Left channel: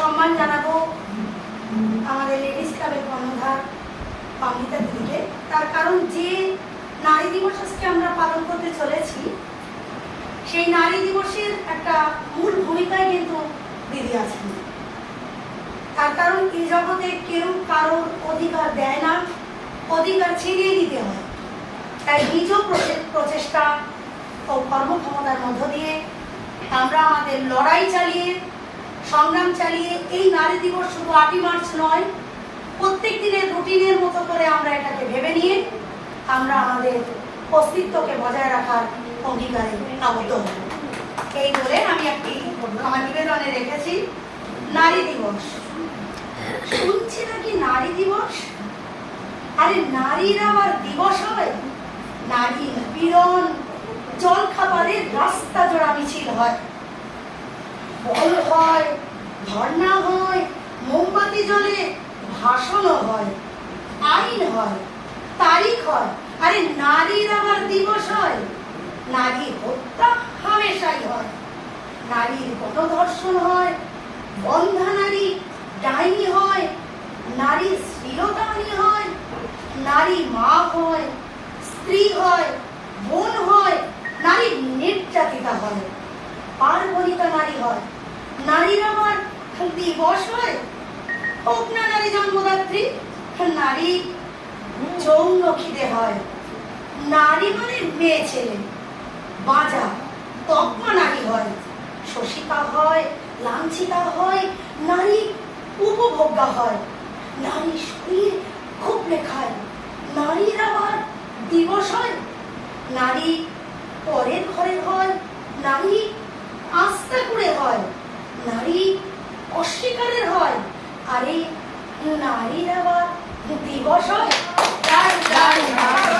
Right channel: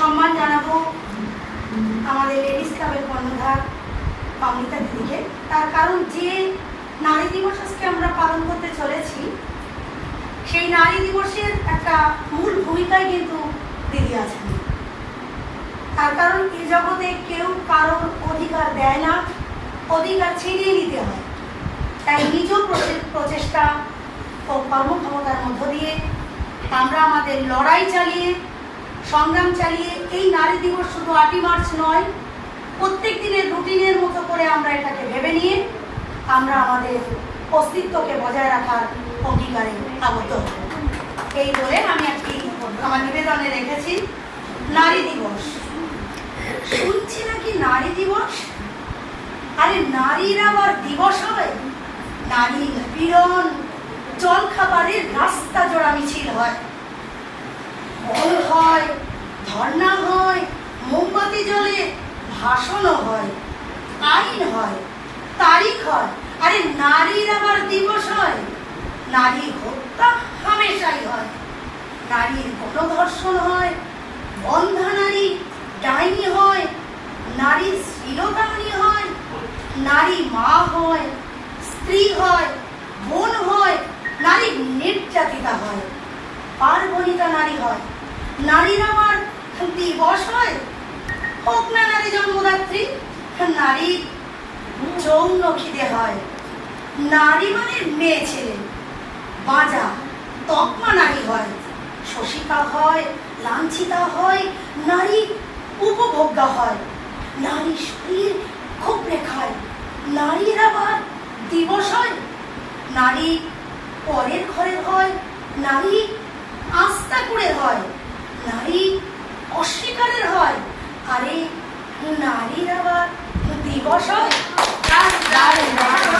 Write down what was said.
সম্মান জানাবো আমাদের লেডিস ক্লাবের কর্ণধার অমৃতা দিদিকে। তার কারণ যে নারী দিবস আজকে আমরা পালন করতে চলেছি, সেই নারী দিবসের একটা মূল ভূমিকায় কিন্তু দিদি আছেন। তার কারণ এই জগতে কেউ কারোর অধিকার দেয় না, অধিকার ছিনিয়ে নিতে হয়। তাই নিজ প্রচেষ্টা ও কর্মক্ষমতার মধ্য দিয়ে আমরা আমাদের লড়াই চালিয়ে, সংগ্রাম চালিয়ে এই নারী দিবস শুধু 8ই মার্চ নয়, প্রত্যেক দিনের রুটিনের মতো করে আমরা এটাকে ভেবে নিয়ে আমরা আমাদের অস্তিত্বকে বজায় রাখার অঙ্গীকারে আবদ্ধ হব। এই বলে আমি একটি আমার নিবেদনে রেখেছি নারী দিবস। শুনছি নাকি নারী দিবস, আরে নারীর আবার দিবস হয়? নারী নিপীড়ন, জল খাবারের রাস্তা জোড়া মিছিল হয়, বল হয়, ধর্ণা হয়, মোমবাতি জ্বলে, ভাষণও হয়, আইন হয়, তারিখ হয়। আরে নারীর আবার দিবস হয়? নারী হত্যা হামেশাই হয়, নারীর গণধর্ষণ হয়, বন্ধা নারী ডাইনি হয়, নারীর শ্লীলতাহানি হয়, নারী মা হয়, স্ত্রী হয়, বোন হয়, নারী নির্যাতিতা হয়, পার্বণিতা নারী হয়। নারীর আবার দিবস হয়? হোক না নারী জন্মদাত্রী, নারী যৌন খিদে হয়। নারী মানে মেয়ে ছেলে, বাজা তকমা নারী হয়, শোষিতা হয়, লাঞ্ছিতা হয়, নারী উপভোগ্যা হয়, নারী শরীর খুবলে খায়। নারীর আবার দিবস হয়? নারী পরের ঘরে হয়, নারী আস্থা করে হয়, নারী অস্বীকারের হয়। আরে নারীর আবার দিবস হয়?